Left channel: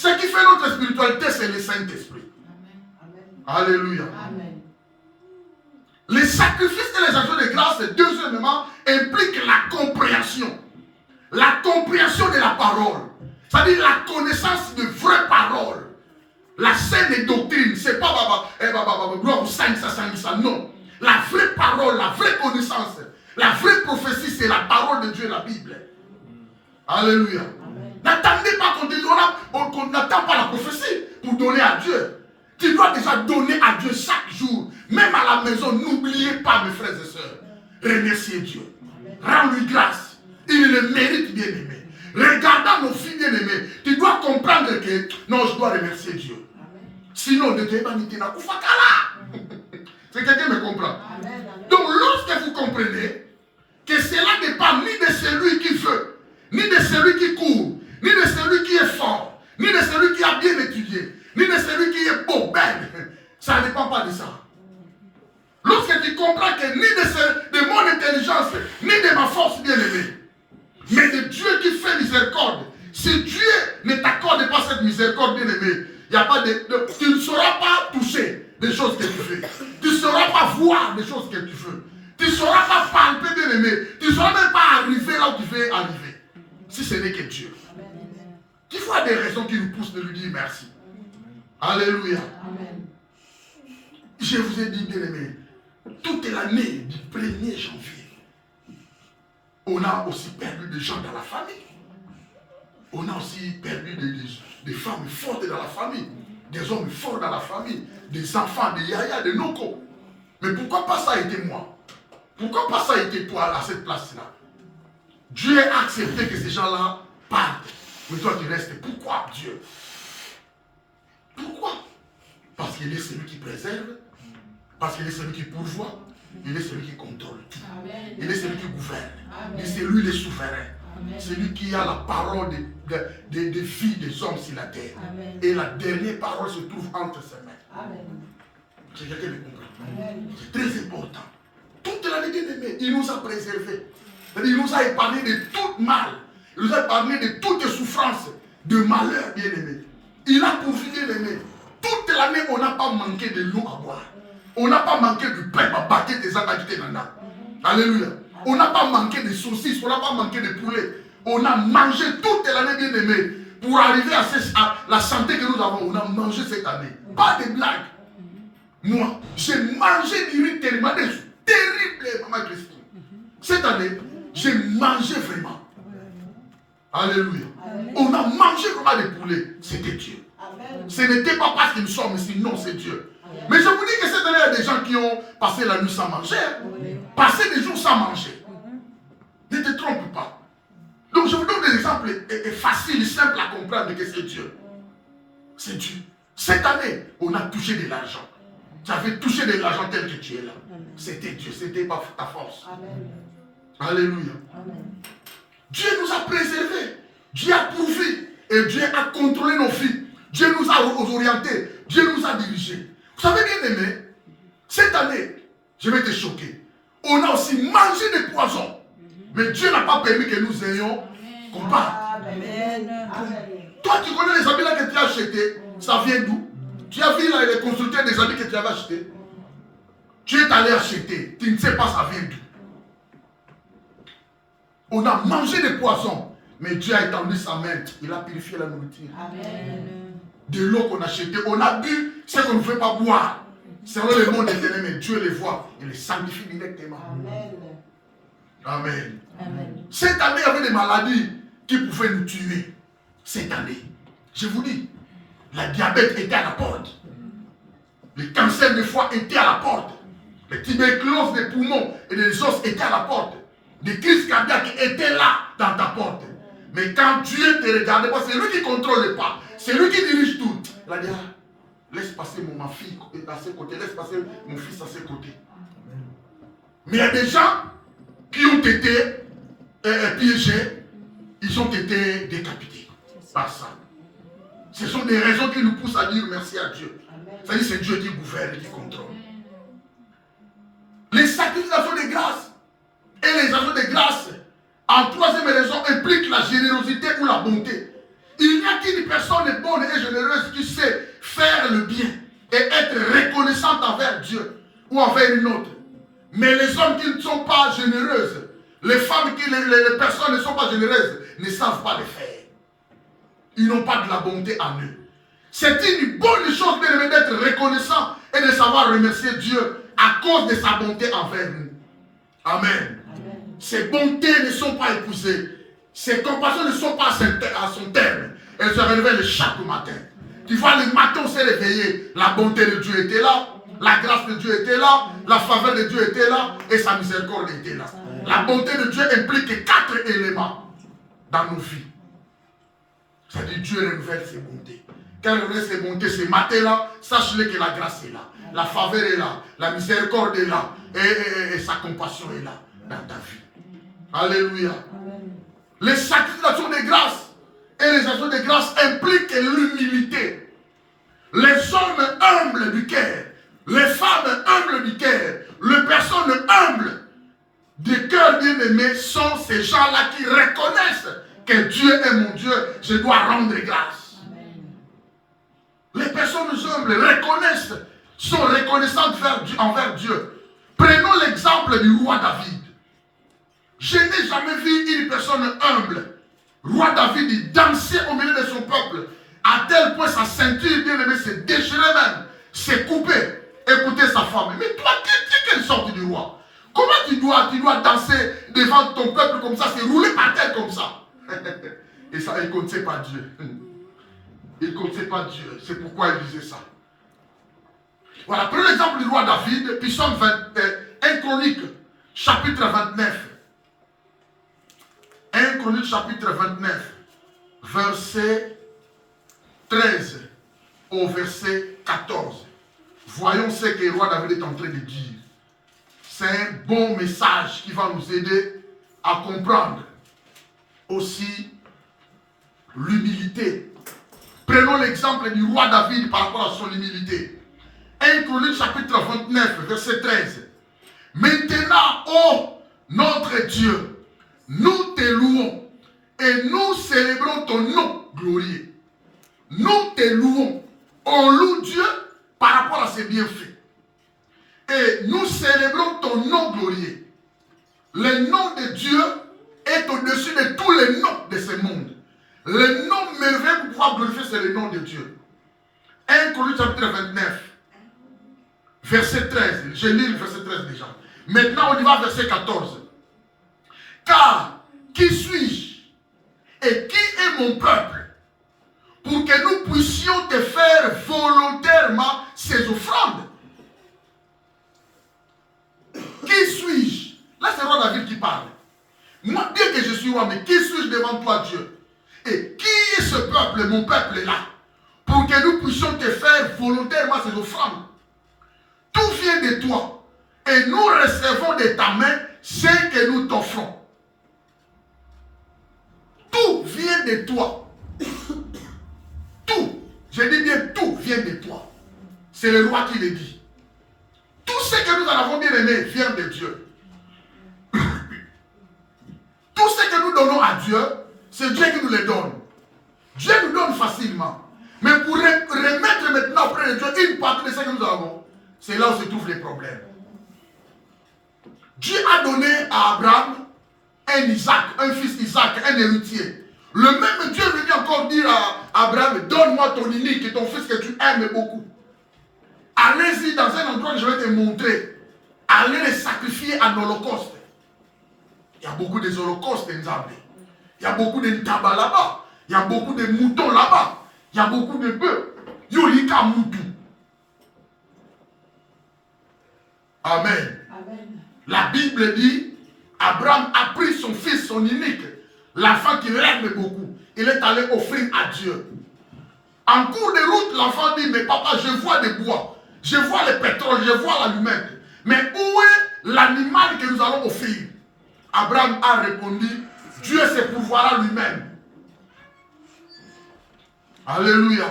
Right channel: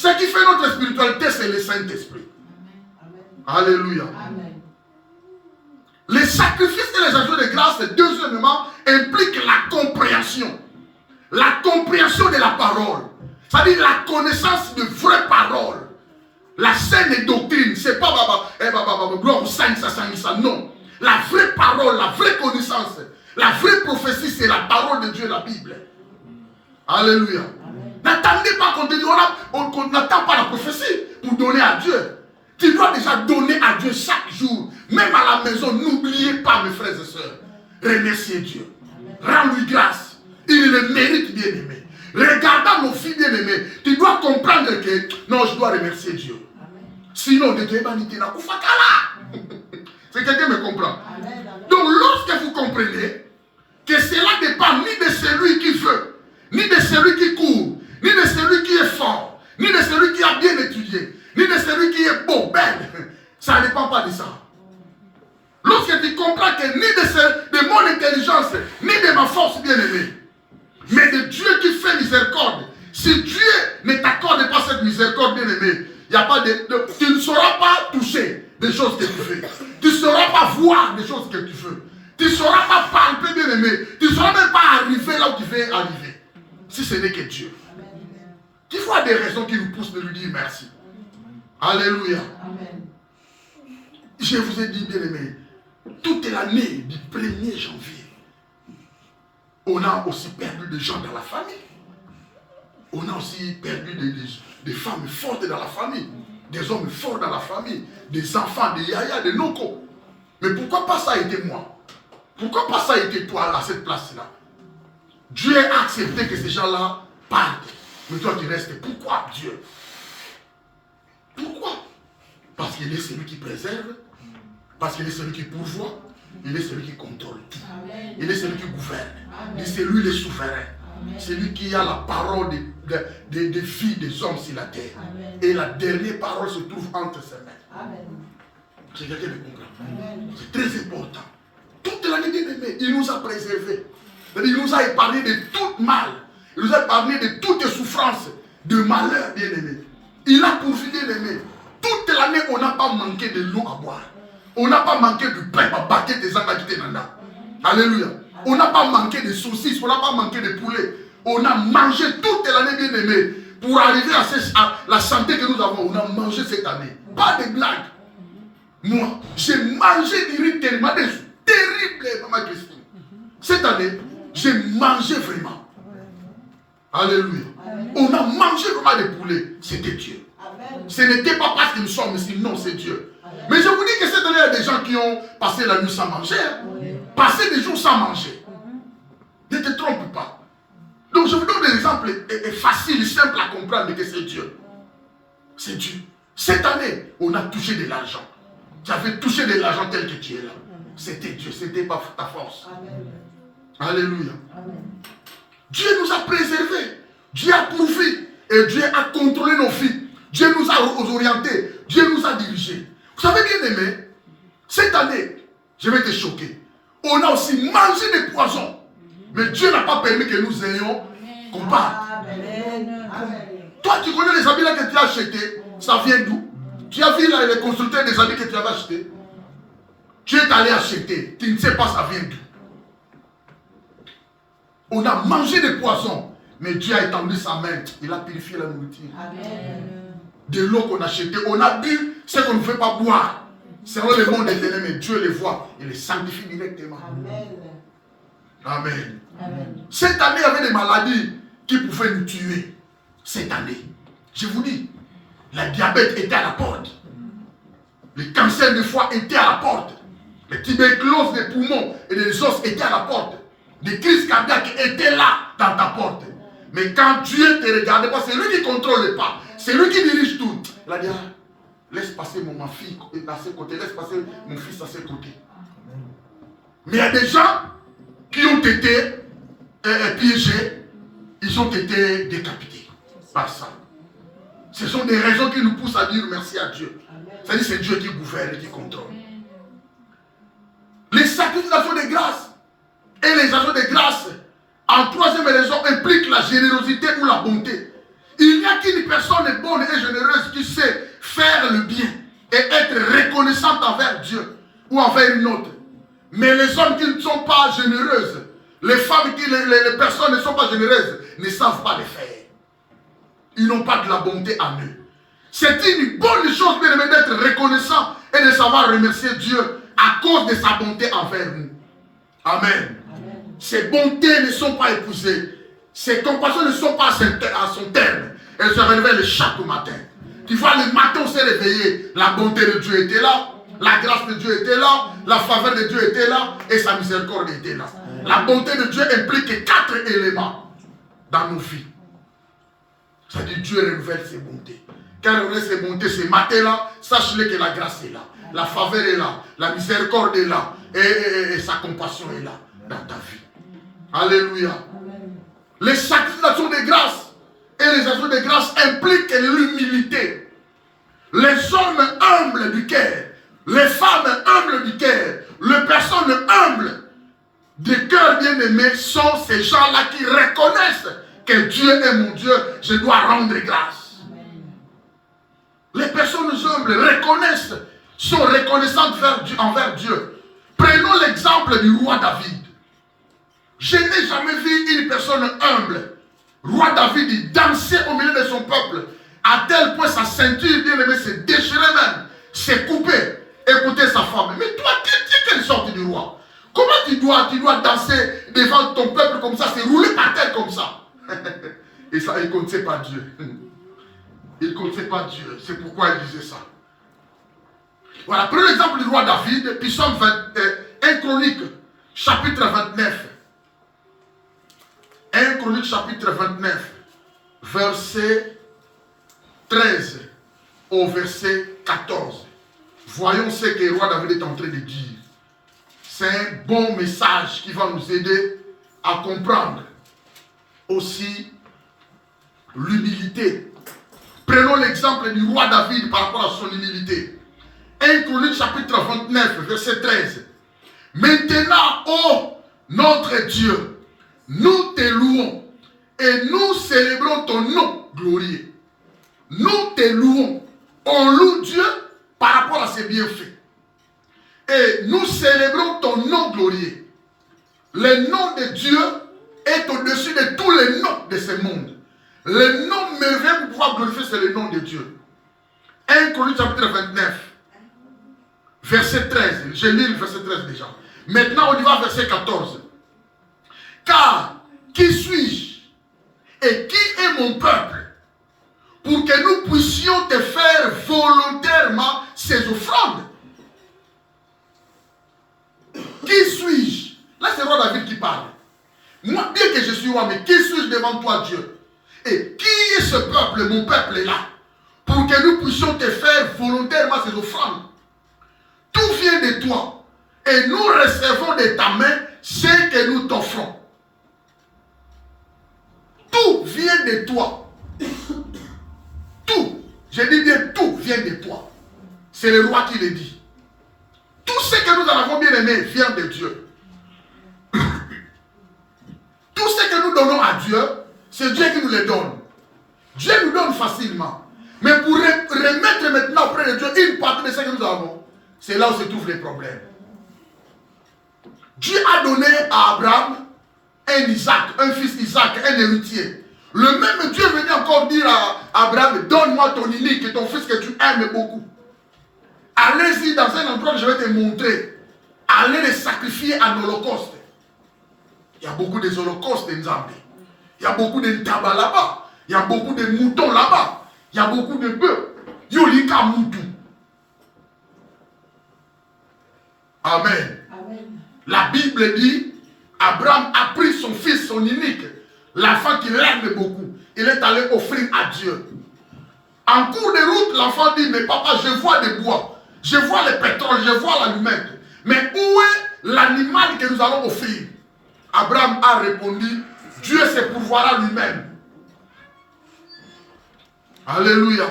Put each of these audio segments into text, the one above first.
Ce qui fait notre spiritualité, c'est le Saint-Esprit. Alléluia. Amen. Les sacrifices et les actions de grâce, deuxièmement, impliquent la compréhension. La compréhension de la parole. C'est-à-dire la connaissance de vraies paroles. La saine doctrine, c'est pas gloire au Saint, ça, non. La vraie parole, la vraie connaissance, la vraie prophétie, c'est la parole de Dieu, la Bible. Alléluia. N'attendez pas qu'on te dise, on n'attend pas la prophétie pour donner à Dieu. Tu dois déjà donner à Dieu chaque jour. Même à la maison, n'oubliez pas, mes frères et sœurs. Remerciez Dieu. Rends-lui grâce. Il le mérite, bien aimé. Regardant mon fils bien aimé, tu dois comprendre que non, je dois remercier Dieu. Sinon, de Dieu, c'est quelqu'un qui me comprend. Donc, lorsque vous comprenez que cela ne dépend ni de celui qui veut, ni de celui qui court, ni de celui qui est fort, ni de celui qui a bien étudié, ni de celui qui est beau, belle, ça ne dépend pas de ça. Lorsque tu comprends que ni de mon intelligence, ni de ma force bien-aimée, mais de Dieu qui fait miséricorde, si Dieu ne t'accorde pas cette miséricorde bien-aimée, il y a pas tu ne sauras pas toucher des choses que tu fais. Tu ne sauras pas voir des choses que tu veux. Tu ne sauras pas palper bien-aimé. Tu ne sauras même pas arriver là où tu veux arriver. Si ce n'est que Dieu. Tu vois des raisons qui nous poussent de lui dire merci. Alléluia. Amen. Je vous ai dit, bien-aimé, toute l'année du 1er janvier, on a aussi perdu des gens dans la famille. On a aussi perdu des femmes fortes dans la famille, des hommes forts dans la famille, des enfants, des yaya, des noko. Mais pourquoi pas ça a été moi? Pourquoi pas ça a été toi à cette place-là? Dieu a accepté que ces gens-là partent. Mais toi tu restes. Pourquoi Dieu? Pourquoi? Parce qu'il est celui qui préserve, parce qu'il est celui qui pourvoit, il est celui qui contrôle tout. Amen. Il est celui qui gouverne. Et c'est lui le souverain. C'est lui qui a la parole des vies des hommes sur la terre. Amen. Et la dernière parole se trouve entre ses mains. C'est quelqu'un de comprendre. C'est très important. Toute l'année bien-aimée, il nous a préservés. Il nous a épargné de tout mal. Il nous a épargné de toutes souffrances, de malheur bien-aimé. Il a pourvu bien-aimé. Toute l'année, on n'a pas manqué de l'eau à boire. On n'a pas manqué de pain à battre des engagements nana. Alléluia. On n'a pas manqué de saucisses, on n'a pas manqué de poulet. On a mangé toute l'année bien-aimée. Pour arriver à la santé que nous avons, on a mangé cette année. Pas de blagues. Moi, j'ai mangé du riz tellement terrible, maman Christine. Cette année, j'ai mangé vraiment. Alléluia. Amen. On a mangé vraiment des poulets. C'était Dieu. Amen. Ce n'était pas parce que nous sommes ici, non, c'est Dieu. Amen. Mais je vous dis que cette année, il y a des gens qui ont passé la nuit sans manger. Oui. Passé des jours sans manger. Ne te trompe pas. Donc je vous donne des exemples faciles, simples à comprendre que c'est Dieu. C'est Dieu. Cette année, on a touché de l'argent. Tu avais touché de l'argent tel que tu es là. C'était Dieu, ce n'était pas ta force. Amen. Alléluia. Amen. Dieu nous a préservés. Dieu a pourvu. Et Dieu a contrôlé nos vies. Dieu nous a orientés. Dieu nous a dirigés. Vous savez bien aimé, cette année, je vais te choquer. On a aussi mangé des poisons. Mais Dieu n'a pas permis que nous ayons qu'on parle. Toi, tu connais les habits là que tu as achetés. Ça vient d'où? Tu as vu là les constructeurs des habits que tu avais achetés. Tu es allé acheter. Tu ne sais pas ça vient d'où. On a mangé des poissons. Mais Dieu a étendu sa main. Il a purifié la nourriture. Amen. De l'eau qu'on a achetée. On a bu ce qu'on ne veut pas boire. Selon le monde des ennemis, Dieu les voit. Il les sanctifie directement. Amen. Amen. Amen. Cette année, il y avait des maladies qui pouvaient nous tuer. Cette année, je vous dis, le diabète était à la porte. Le cancer de foie était à la porte. Les tuberculoses des poumons et des os étaient à la porte. Des crises cardiaques étaient là dans ta porte. Mais quand Dieu te regarde pas, c'est lui qui contrôle pas. C'est lui qui dirige tout. Il a dit, laisse passer ma fille à ses côtés, laisse passer mon fils à ses côtés. Mais il y a des gens qui ont été piégés, ils ont été décapités par ça. Ce sont des raisons qui nous poussent à dire merci à Dieu. C'est-à-dire que c'est Dieu qui gouverne et qui contrôle. Les sacrifices de grâce et les actions de grâce, en troisième raison, impliquent la générosité ou la bonté. Il n'y a qu'une personne bonne et faire le bien et être reconnaissante envers Dieu ou envers une autre. Mais les hommes qui ne sont pas généreuses, les femmes, les personnes ne sont pas généreuses, ne savent pas le faire. Ils n'ont pas de la bonté en eux. C'est une bonne chose, bien aimé, d'être reconnaissant et de savoir remercier Dieu à cause de sa bonté envers nous. Amen. Amen. Ces bontés ne sont pas épousées. Ces compassions ne sont pas à son terme. Elles se révèlent chaque matin. Tu vois, le matin, on s'est réveillé. La bonté de Dieu était là. La grâce de Dieu était là. La faveur de Dieu était là. Et sa miséricorde était là. La bonté de Dieu implique 4 éléments dans nos vies. C'est-à-dire Dieu renouvelle ses bontés. Quand il renouvelle ses bontés, ce matin-là, sache-le que la grâce est là. La faveur est là. La miséricorde est là. Et sa compassion est là dans ta vie. Alléluia. Les sacrifications de grâce et les actions de grâce impliquent l'humilité. Les hommes humbles du cœur, les femmes humbles du cœur, les personnes humbles du cœur bien-aimé sont ces gens-là qui reconnaissent que Dieu est mon Dieu, je dois rendre grâce. Les personnes humbles reconnaissent, sont reconnaissantes envers Dieu. Prenons l'exemple du roi David. Je n'ai jamais vu une personne humble. Roi David, il dansait au milieu de son peuple, à tel point sa ceinture bien-aimée se déchirait même, s'est coupée. Écoutez sa femme. Mais toi, tu es quelle sorte de roi? Comment tu dois danser devant ton peuple comme ça, c'est rouler par terre comme ça? Et ça, il ne connaissait pas Dieu. Il ne connaissait pas Dieu. C'est pourquoi il disait ça. Voilà, prenez l'exemple du roi David, puis Psaume 1 Chronique, chapitre 29. 1 Chronique, chapitre 29, verset 13 au verset 14. Voyons ce que le roi David est en train de dire. C'est un bon message qui va nous aider à comprendre aussi l'humilité. Prenons l'exemple du roi David par rapport à son humilité. 1 Chronique chapitre 29, verset 13. Maintenant, ô notre Dieu, nous te louons et nous célébrons ton nom glorieux. Nous te louons. On loue Dieu par rapport à ses bienfaits. Et nous célébrons ton nom glorieux. Le nom de Dieu est au-dessus de tous les noms de ce monde. Le nom merveilleux pour pouvoir glorifier, c'est le nom de Dieu. 1 Chronique chapitre 29, verset 13. J'ai lu le verset 13 déjà. Maintenant, on y va verset 14. Car qui suis-je et qui est mon peuple pour que nous puissions te faire volontairement ces offrandes? Qui suis-je? Là, c'est le roi David qui parle. Moi, bien que je suis roi, mais qui suis-je devant toi, Dieu? Et qui est ce peuple, mon peuple est là, pour que nous puissions te faire volontairement ces offrandes? Tout vient de toi. Et nous recevons de ta main ce que nous t'offrons. Tout vient de toi. Tout. Je dis bien tout vient de toi. C'est le roi qui le dit. Tout ce que nous avons bien aimé vient de Dieu. Tout ce que nous donnons à Dieu, c'est Dieu qui nous le donne. Dieu nous donne facilement. Mais pour remettre maintenant auprès de Dieu une partie de ce que nous avons, c'est là où se trouvent les problèmes. Dieu a donné à Abraham un Isaac, un fils Isaac, un héritier. Le même Dieu venait encore dire à Abraham, donne-moi ton unique et ton fils que tu aimes beaucoup. Allez-y dans un endroit que je vais te montrer. Allez les sacrifier en holocauste. Il y a beaucoup des holocaustes en Zambie. Il y a beaucoup de tabac là-bas. Il y a beaucoup de moutons là-bas. Il y a beaucoup de bœufs. Yolika moutou. Amen. Amen. La Bible dit, Abraham a pris son fils, son unique, l'enfant qu'il aime beaucoup. Il est allé offrir à Dieu. En cours de route, l'enfant dit, mais papa, je vois des bois, je vois le pétrole, je vois l'allumette. Mais où est l'animal que nous allons offrir? Abraham a répondu, Dieu se pourvoira lui-même. Alléluia.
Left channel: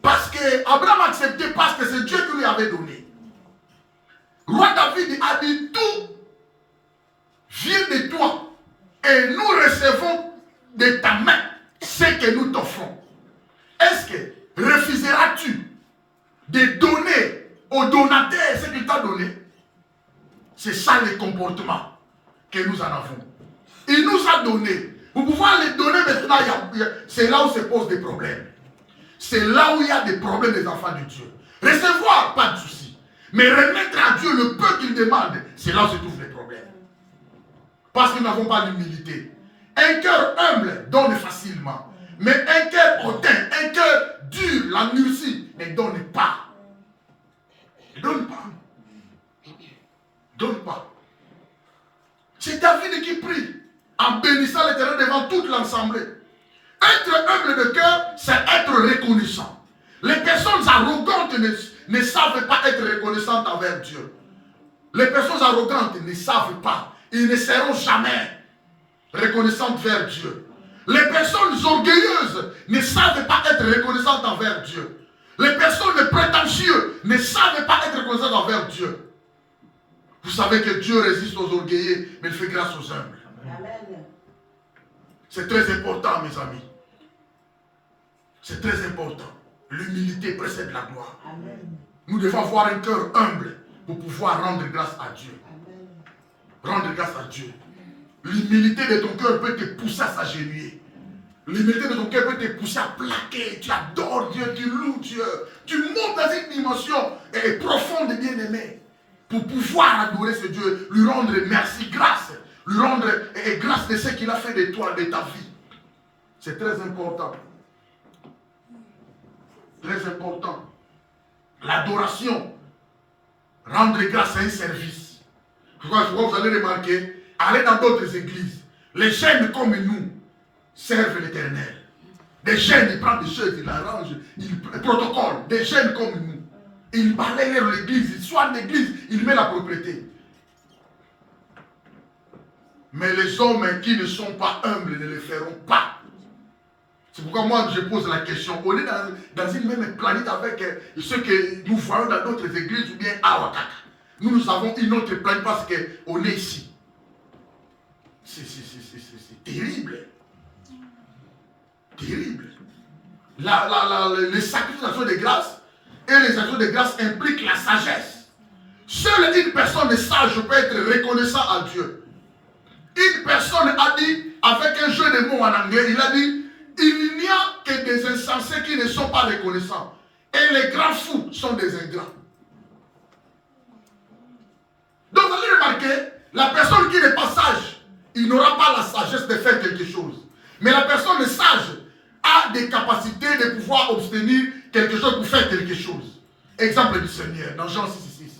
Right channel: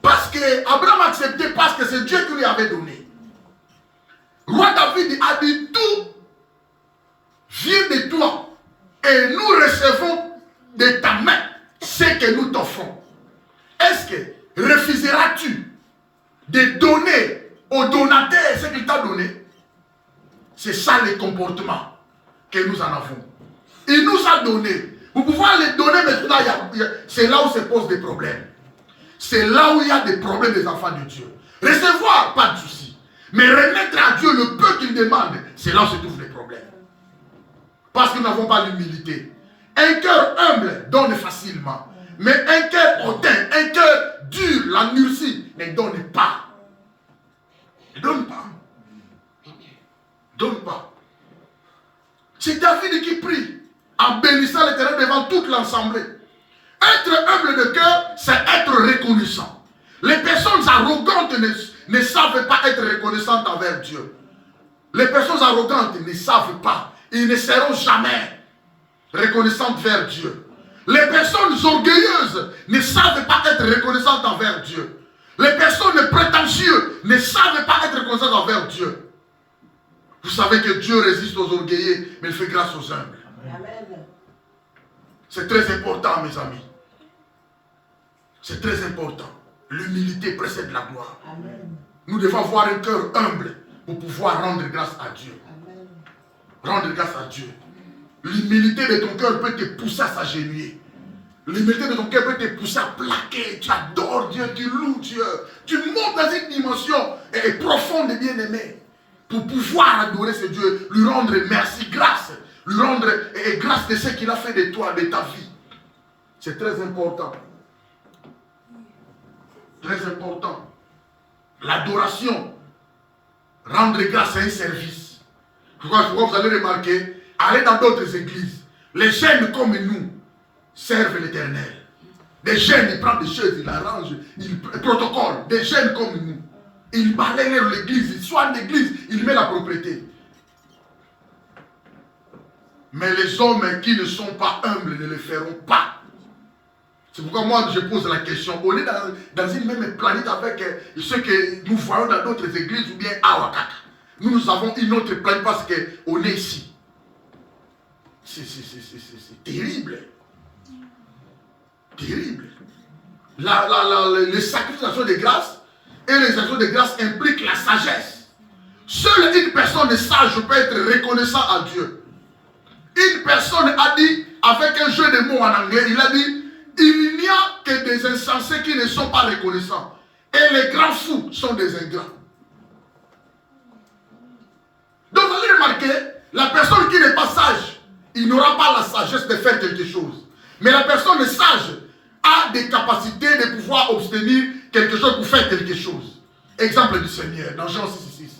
Parce que Abraham acceptait parce que c'est Dieu qui lui avait donné. Roi David a dit, tout vient de toi et nous recevons de ta main ce que nous t'offrons. Est-ce que refuseras-tu de donner au donateur ce qu'il t'a donné? C'est ça le comportement que nous en avons. Il nous a donné. Pour pouvoir les donner maintenant, c'est là où se posent des problèmes. C'est là où il y a des problèmes des enfants de Dieu. Recevoir, pas de souci. Mais remettre à Dieu le peu qu'il demande, c'est là où se trouvent les problèmes. Parce que nous n'avons pas l'humilité. Un cœur humble donne facilement. Mais un cœur hautain, un cœur dur, l'endurci, ne donne pas. Ne donne pas. Donne pas. C'est David qui prie en bénissant l'Éternel devant toute l'assemblée. Être humble de cœur, c'est être reconnaissant. Les personnes arrogantes ne savent pas être reconnaissantes envers Dieu. Les personnes arrogantes ne savent pas. Ils ne seront jamais reconnaissantes vers Dieu. Les personnes orgueilleuses ne savent pas être reconnaissantes envers Dieu. Les personnes prétentieuses ne savent pas être reconnaissantes envers Dieu. Vous savez que Dieu résiste aux orgueillés, mais il fait grâce aux humbles. Amen. C'est très important, mes amis. C'est très important. L'humilité précède la gloire. Amen. Nous devons avoir un cœur humble pour pouvoir rendre grâce à Dieu. Amen. Rendre grâce à Dieu. L'humilité de ton cœur peut te pousser à s'agenouiller. L'humilité de ton cœur peut te pousser à plaquer. Tu adores Dieu, tu loues Dieu. Tu montes dans une dimension profonde et bien-aimée pour pouvoir adorer ce Dieu, lui rendre merci, grâce. Lui rendre grâce de ce qu'il a fait de toi, de ta vie. C'est très important. Très important. L'adoration. Rendre grâce à un service. Pourquoi vous allez remarquer, allez dans d'autres églises. Les jeunes comme nous servent l'Éternel. Des jeunes, ils prennent des choses, ils arrangent, ils protocolent. Des jeunes comme nous. Ils balayent l'église, ils soignent l'église, ils mettent la propriété. Mais les hommes qui ne sont pas humbles ne le feront pas. C'est pourquoi moi je pose la question. On est dans une même planète avec ceux que nous voyons dans d'autres églises ou bien à Ouakaka. Nous avons une autre planète parce qu'on est ici. C'est terrible. Terrible. Les sacrifications de grâce et les actions de grâce impliquent la sagesse. Seule une personne sage peut être reconnaissant à Dieu. Une personne a dit, avec un jeu de mots en anglais, il a dit, il n'y a que des insensés qui ne sont pas reconnaissants. Et les grands fous sont des ingrats. Donc vous allez remarquer, la personne qui n'est pas sage, il n'aura pas la sagesse de faire quelque chose. Mais la personne sage a des capacités de pouvoir obtenir quelque chose pour faire quelque chose. Exemple du Seigneur, dans Jean 6,6.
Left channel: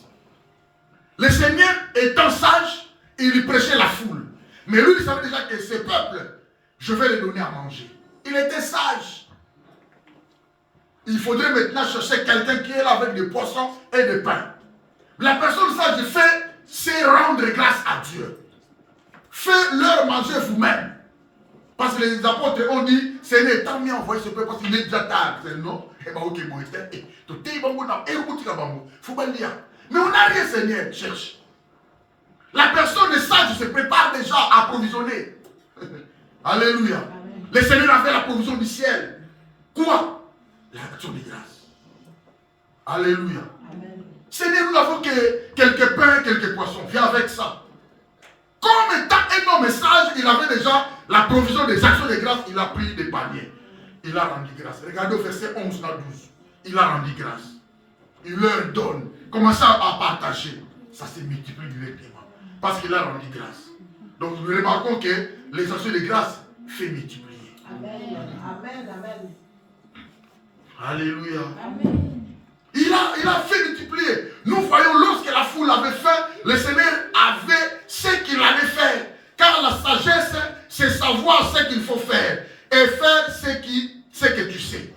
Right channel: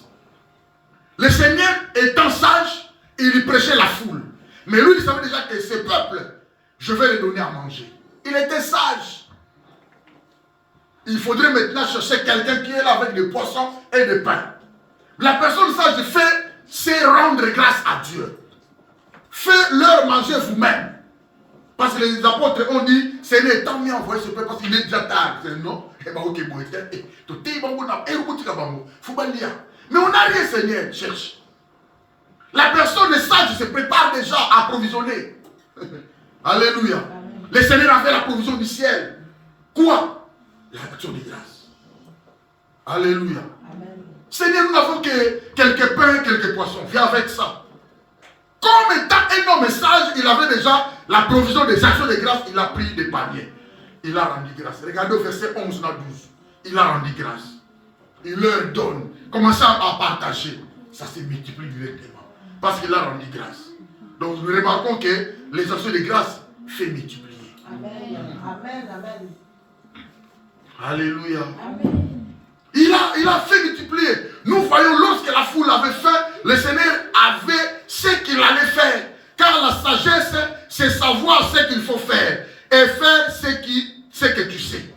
Le Seigneur étant sage, il prêchait la foule. Mais lui, il savait déjà que ce peuple, je vais les donner à manger. Il était sage. Il faudrait maintenant chercher quelqu'un qui est là avec des poissons et des pains. La personne sage fait, c'est rendre grâce à Dieu. Faites-leur manger vous-même. Parce que les apôtres ont dit, Seigneur, tant mieux envoyer ce peuple parce qu'il est déjà tard. Non, mais on n'a rien, Seigneur, cherche. La personne sage se prépare déjà à approvisionner. Alléluia. Le Seigneur a fait la provision du ciel. Quoi? L'action de grâce. Alléluia. Amen. Seigneur, nous n'avons que quelques pains, quelques poissons. Viens avec ça. Comme étant un homme sage, il avait déjà la provision des actions de grâce. Il a pris des paniers. Il a rendu grâce. Regardez au verset 11 à 12. Il a rendu grâce. Il leur donne. Commencez à partager. Ça se multiplie directement. Parce qu'il a rendu grâce. Donc nous remarquons que les actions de grâce fait multiplier. Amen. Amen. Amen. Alléluia. Amen. Il a fait multiplier. Nous voyons lorsque la foule avait faim, le Seigneur avait ce qu'il allait faire. Car la sagesse, c'est savoir ce qu'il faut faire. Et faire ce que tu sais.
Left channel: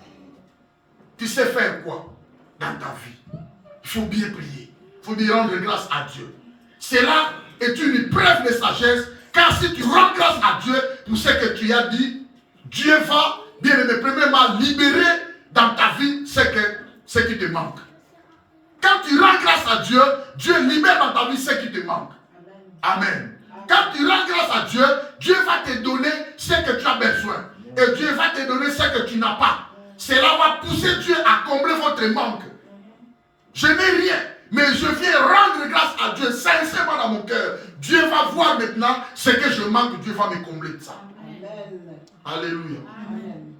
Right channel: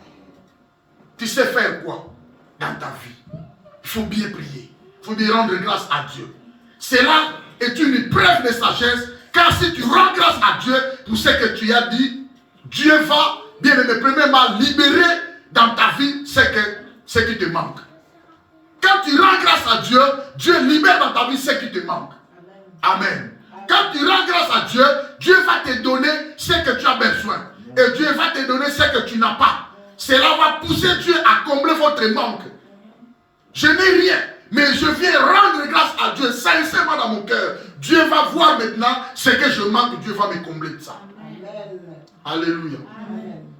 Tu sais faire quoi dans ta vie? Il faut bien prier. Il faut bien rendre grâce à Dieu. Cela est une preuve de sagesse. Car si tu rends grâce à Dieu pour ce que tu as dit, Dieu va, bien aimé, premièrement, libérer dans ta vie ce qui te manque. Quand tu rends grâce à Dieu, Dieu libère dans ta vie ce qui te manque. Amen. Quand tu rends grâce à Dieu, Dieu va te donner ce que tu as besoin. Et Dieu va te donner ce que tu n'as pas. Cela va pousser Dieu à combler votre manque. Je n'ai rien, mais je viens rendre grâce à Dieu sincèrement dans mon cœur. Dieu va voir maintenant ce que je manque, Dieu va me combler de ça. Amen. Alléluia. Amen.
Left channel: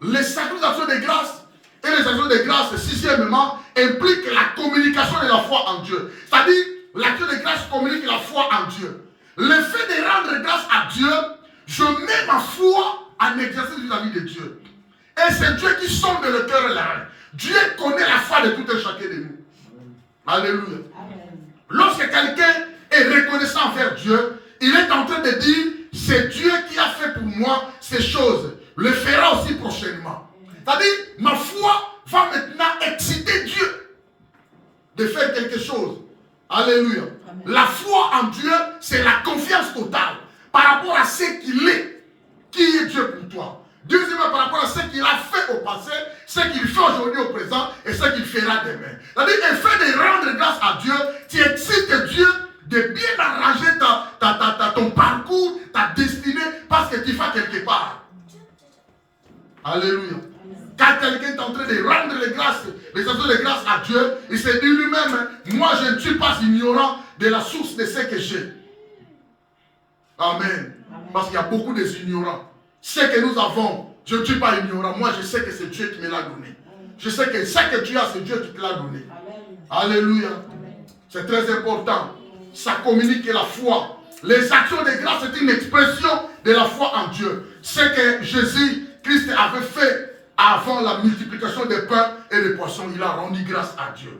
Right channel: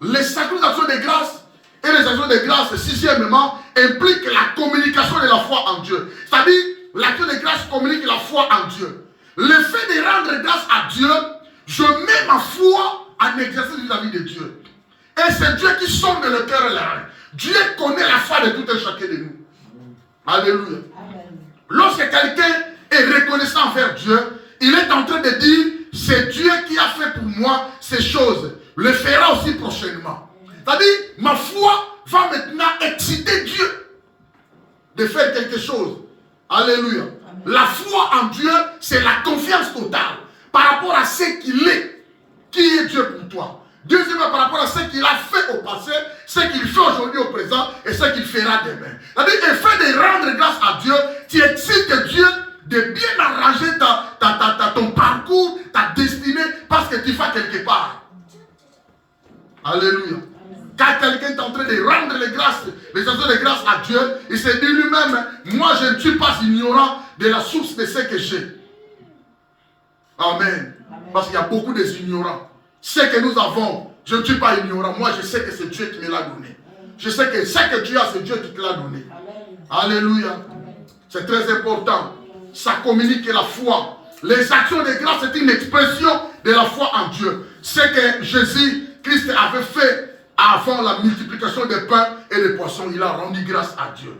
Les sacrifices de grâce et les actions de grâce, sixièmement, impliquent la communication de la foi en Dieu. C'est-à-dire, l'action de grâce communique la foi en Dieu. Le fait de rendre grâce à Dieu, je mets ma foi en exercice vis-à-vis de Dieu. Et c'est Dieu qui sonde le cœur et la reine. Dieu connaît la foi de tout un chacun de nous. Alléluia. Amen. Lorsque quelqu'un est reconnaissant envers Dieu, il est en train de dire, c'est Dieu qui a fait pour moi ces choses. Le fera aussi prochainement. C'est-à-dire, ma foi va maintenant exciter Dieu de faire quelque chose. Alléluia. Amen. La foi en Dieu, c'est la confiance totale par rapport à ce qu'il est. Qui est Dieu pour toi? Deuxièmement, par rapport à ce qu'il a fait au passé, ce qu'il fait aujourd'hui au présent et ce qu'il fera demain. C'est-à-dire, le fait de rendre grâce à Dieu, tu excites Dieu de bien arranger ton parcours, ta destinée, parce que tu vas quelque part. Alléluia. Quand quelqu'un est en train de rendre les actions de grâce à Dieu, il se dit lui-même, moi je ne suis pas ignorant de la source de ce que j'ai. Amen. Parce qu'il y a beaucoup d'ignorants. Ce que nous avons, je ne suis pas ignorant. Moi, je sais que c'est Dieu qui me l'a donné. Je sais que ce que tu as, c'est Dieu qui te l'a donné. Amen. Alléluia. C'est très important. Ça communique la foi. Les actions de grâce, c'est une expression de la foi en Dieu. Ce que Jésus-Christ avait fait avant la multiplication des pains et des poissons, il a rendu grâce à Dieu.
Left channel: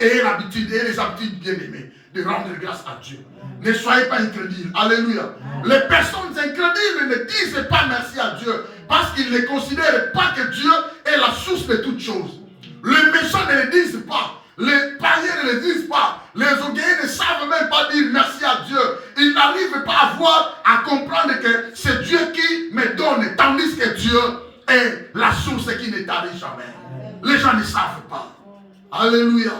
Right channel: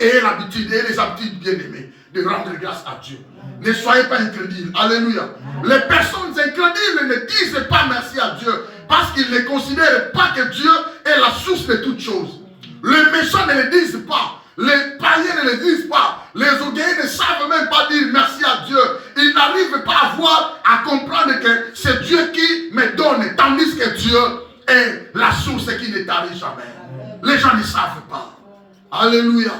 Et l'habitude, et les habitudes bien-aimées, de rendre grâce à Dieu. Ne soyez pas incrédules. Alléluia. Les personnes incrédules ne disent pas merci à Dieu parce qu'ils ne considèrent pas que Dieu est la source de toutes choses. Les méchants ne le disent pas. Les païens ne le disent pas. Les orgueilleux ne savent même pas dire merci à Dieu. Ils n'arrivent pas à comprendre que c'est Dieu qui me donne, tandis que Dieu est la source qui ne t'arrive jamais. Les gens ne savent pas. Alléluia.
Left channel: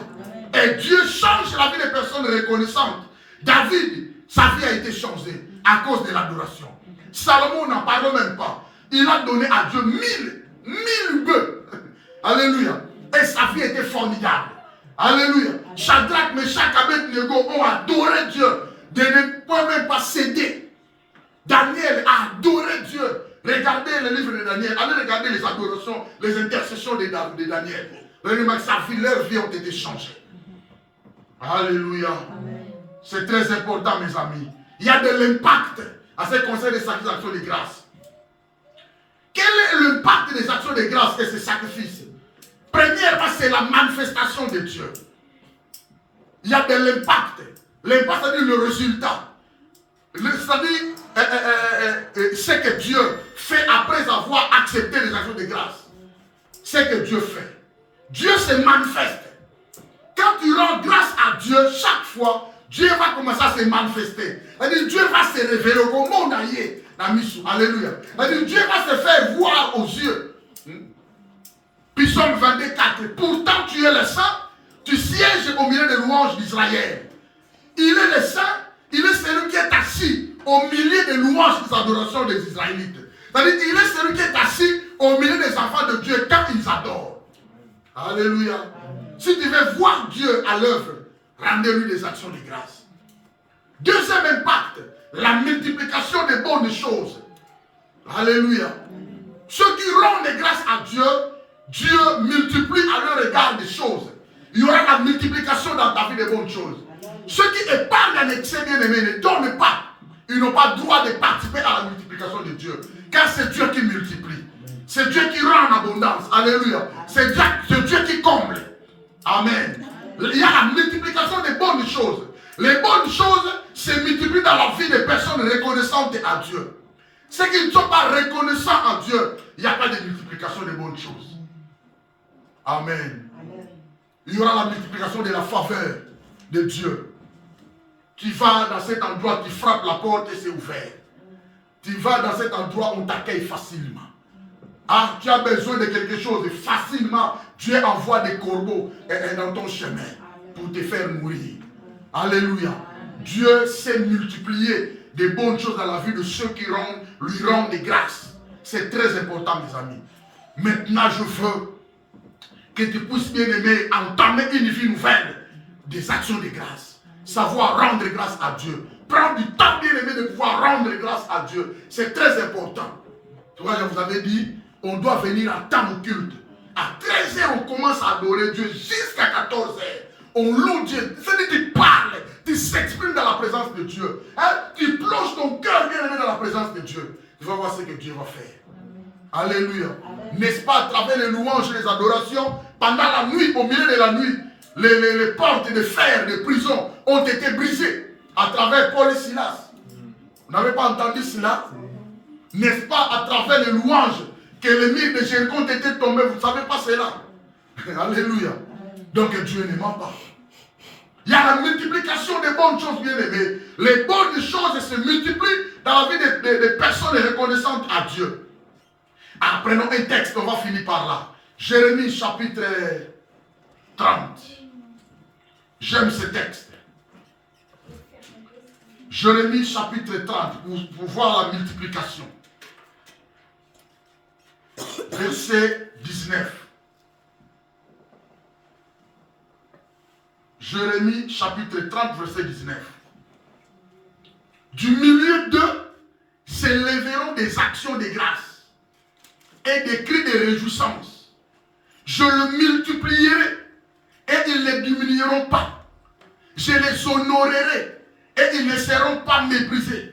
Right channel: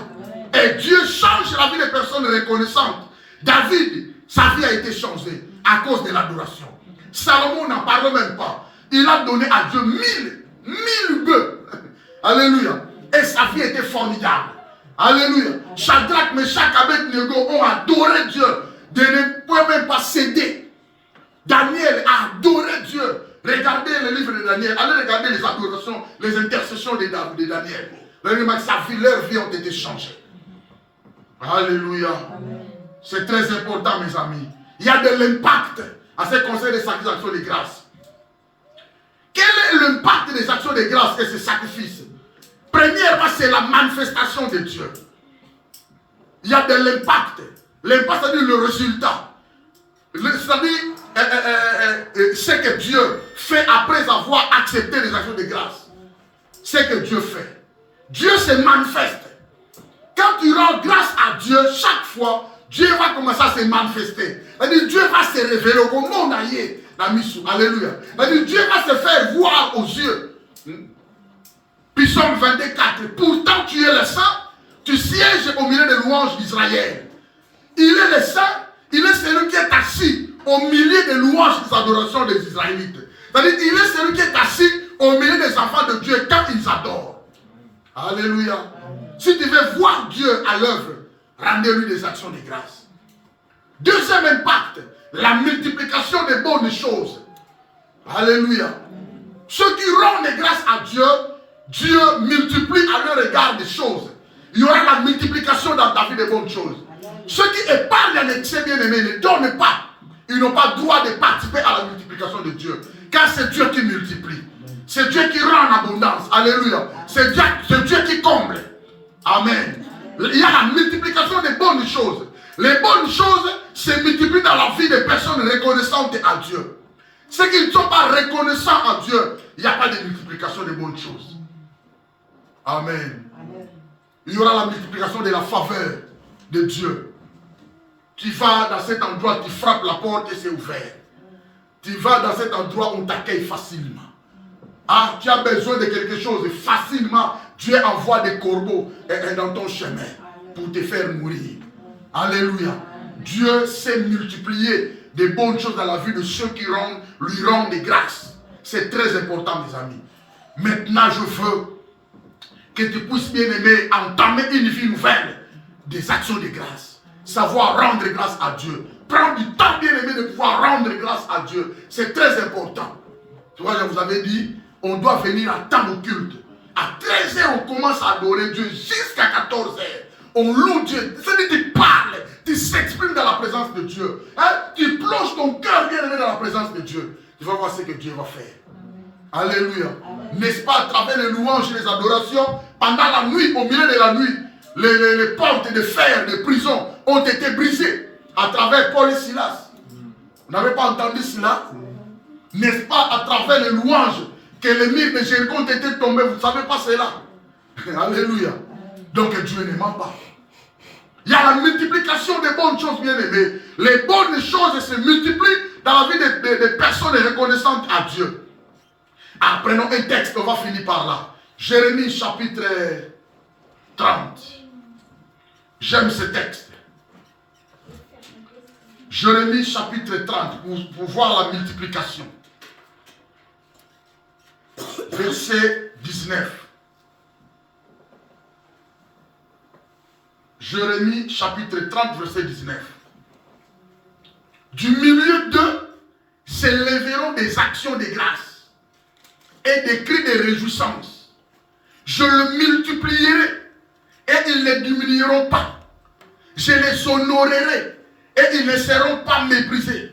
Et Dieu change la vie des personnes reconnaissantes. David, sa vie a été changée à cause de l'adoration. Salomon n'en parle même pas. Il a donné à Dieu 1000 bœufs. Alléluia. Et sa vie était formidable. Alléluia. Shadrach, Meshach, Abednego ont adoré Dieu. De ne pouvoir même pas céder. Daniel a adoré Dieu. Regardez le livre de Daniel. Allez regarder les adorations, les intercessions de Daniel. Leur vie ont été changées. Alléluia. C'est très important, mes amis. Il y a de l'impact à ces conseils des sacrifices de grâce. Quel est l'impact des actions de grâce et ces sacrifices? Premièrement, c'est la manifestation de Dieu. Il y a de l'impact. L'impact, c'est-à-dire le résultat. C'est-à-dire ce que Dieu fait après avoir accepté les actions de grâce. Ce que Dieu fait. Dieu se manifeste. Quand tu rends grâce à Dieu, chaque fois, Dieu va commencer à se manifester. C'est-à-dire, Dieu va se révéler au monde. Alléluia. C'est-à-dire, Dieu va se faire voir aux yeux. Psaume 24. Pourtant, tu es le saint, tu sièges au milieu des louanges d'Israël. Il est le saint, il est celui qui est assis au milieu des louanges et des adorations des Israélites. C'est-à-dire, il est celui qui est assis au milieu des enfants de Dieu quand ils adorent. Alléluia. Si tu veux voir Dieu à l'œuvre, rendez-lui des actions de grâce. Deuxième impact, la multiplication des bonnes choses. Alléluia. Ceux qui rendent grâce à Dieu, Dieu multiplie à leur égard des choses. Il y aura la multiplication dans ta vie des bonnes choses. Ceux qui épargnent en excès bien-aimés ne donnent pas. Ils n'ont pas le droit de participer à la multiplication de Dieu. Car c'est Dieu qui multiplie. C'est Dieu qui rend en abondance. Alléluia. C'est Dieu qui comble. Amen. Il y a la multiplication des bonnes choses. Les bonnes choses se multiplient dans la vie des personnes reconnaissantes à Dieu. Ceux qui ne sont pas reconnaissants à Dieu, il n'y a pas de multiplication des bonnes choses. Amen. Amen. Il y aura la multiplication de la faveur de Dieu. Tu vas dans cet endroit, tu frappes la porte et c'est ouvert. Tu vas dans cet endroit, on t'accueille facilement. Ah, tu as besoin de quelque chose, facilement, Dieu envoie des corbeaux dans ton chemin pour te faire mourir. Alléluia. Dieu sait multiplier des bonnes choses dans la vie de ceux qui lui rendent des grâces. C'est très important, mes amis. Maintenant, je veux que tu puisses, bien aimé, entamer une vie nouvelle des actions de grâce. Savoir rendre grâce à Dieu. Prendre du temps, bien aimé, de pouvoir rendre grâce à Dieu. C'est très important. Tu vois, je vous avais dit, on doit venir à temps au culte. À 13h, on commence à adorer Dieu jusqu'à 14h. On loue Dieu. C'est-à-dire que tu parles, tu s'exprimes dans la présence de Dieu. Hein? Tu plonges ton cœur bien aimé dans la présence de Dieu. Tu vas voir ce que Dieu va faire. Alléluia. N'est-ce pas, à travers les louanges et les adorations, pendant la nuit, au milieu de la nuit, les portes de fer de prison ont été brisées à travers Paul et Silas. Vous n'avez pas entendu cela? N'est-ce pas, à travers les louanges que les murs de Jéricho ont été tombés? Vous ne savez pas cela? Alléluia. Donc Dieu ne ment pas. Il y a la multiplication des bonnes choses, bien aimées. Les bonnes choses se multiplient dans la vie des personnes reconnaissantes à Dieu. Prenons un texte, on va finir par là. Jérémie chapitre 30. J'aime ce texte. Jérémie chapitre 30 pour voir la multiplication. Verset 19. Jérémie chapitre 30 verset 19. Du milieu d'eux s'élèveront des actions de grâce et des cris de réjouissance. Je le multiplierai et ils ne diminueront pas. Je les honorerai et ils ne seront pas méprisés.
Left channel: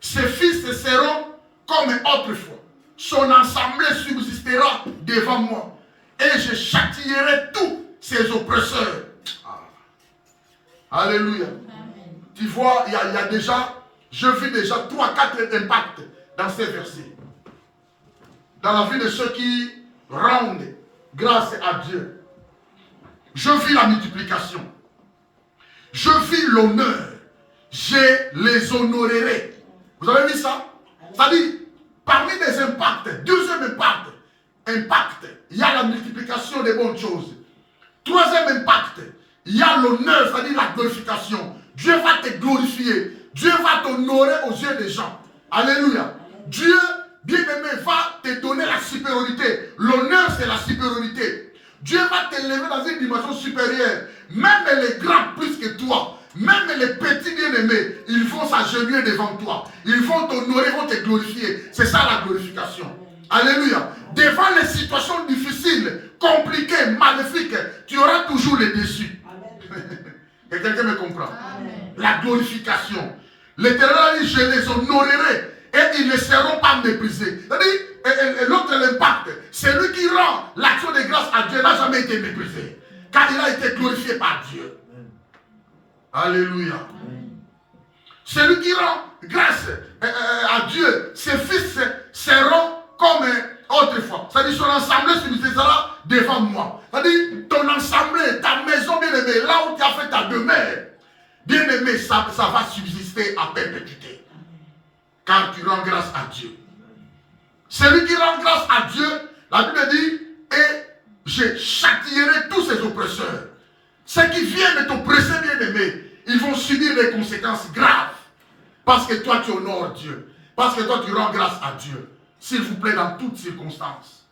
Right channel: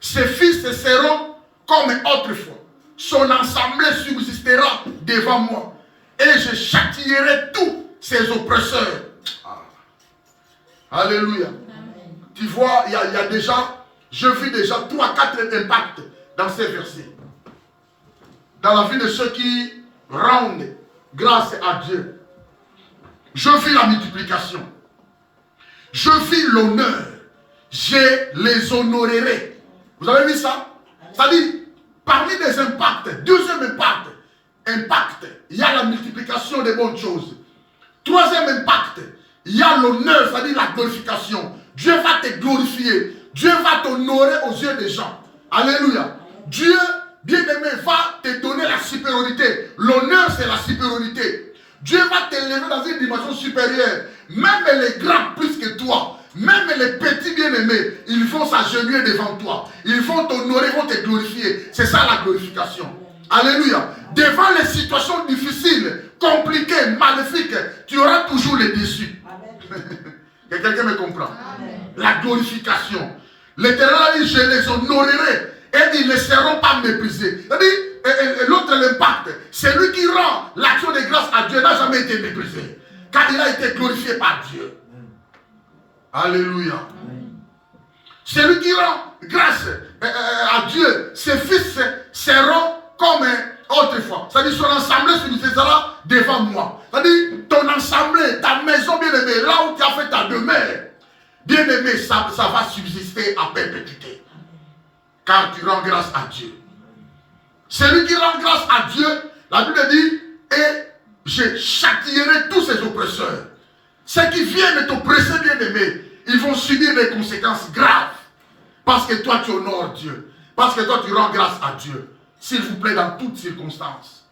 Ses fils seront comme autrefois. Son assemblée subsistera devant moi et je châtierai tous ses oppresseurs. Alléluia. Amen. Tu vois, il y a déjà, je vis déjà 3-4 impacts dans ces versets. Dans la vie de ceux qui rendent grâce à Dieu. Je vis la multiplication. Je vis l'honneur. Je les honorerai. Vous avez vu ça? Ça dit, parmi les impacts, deuxième impact, il y a la multiplication des bonnes choses. Troisième impact, il y a l'honneur, c'est-à-dire la glorification. Dieu va te glorifier. Dieu va t'honorer aux yeux des gens. Alléluia. Dieu, bien-aimé, va te donner la supériorité. L'honneur, c'est la supériorité. Dieu va t'élever dans une dimension supérieure. Même les grands plus que toi, même les petits bien-aimés, ils vont s'agenouiller devant toi. Ils vont t'honorer, ils vont te glorifier. C'est ça la glorification. Alléluia. Devant les situations difficiles, compliquées, maléfiques, tu auras toujours les déçus. Quelqu'un me comprend? Amen. La glorification. L'Éternel a dit, je les honorerai et ils ne seront pas méprisés. C'est-à-dire, l'autre l'impact, c'est lui qui rend l'action de grâce à Dieu n'a jamais été méprisé. Car il a été glorifié par Dieu. Alléluia. C'est lui qui rend grâce à Dieu. Ses fils seront comme autrefois. C'est-à-dire, son assemblée sera devant moi. C'est-à-dire, ton assemblée, ta maison bien-aimée, là où tu as fait ta demeure, bien-aimé, ça va subsister à perpétuité. Car tu rends grâce à Dieu. Celui qui rend grâce à Dieu, la Bible dit, et je châtierai tous ses oppresseurs. Ceux qui viennent t'oppresser, bien-aimé, ils vont subir des conséquences graves. Parce que toi, tu honores Dieu. Parce que toi, tu rends grâce à Dieu. S'il vous plaît, dans toutes circonstances.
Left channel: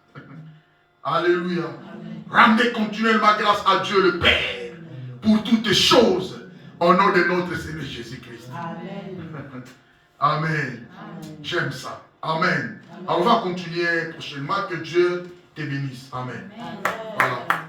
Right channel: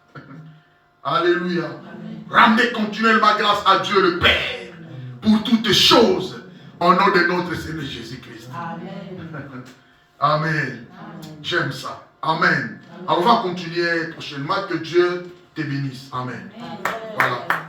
Alléluia. Amen. Rendez continuellement grâce à Dieu le Père. Amen. Pour toutes choses. Au nom de notre Seigneur Jésus-Christ. Amen. Amen. J'aime ça. Amen. Amen. Alors on va continuer prochainement. Que Dieu te bénisse. Amen. Amen. Voilà.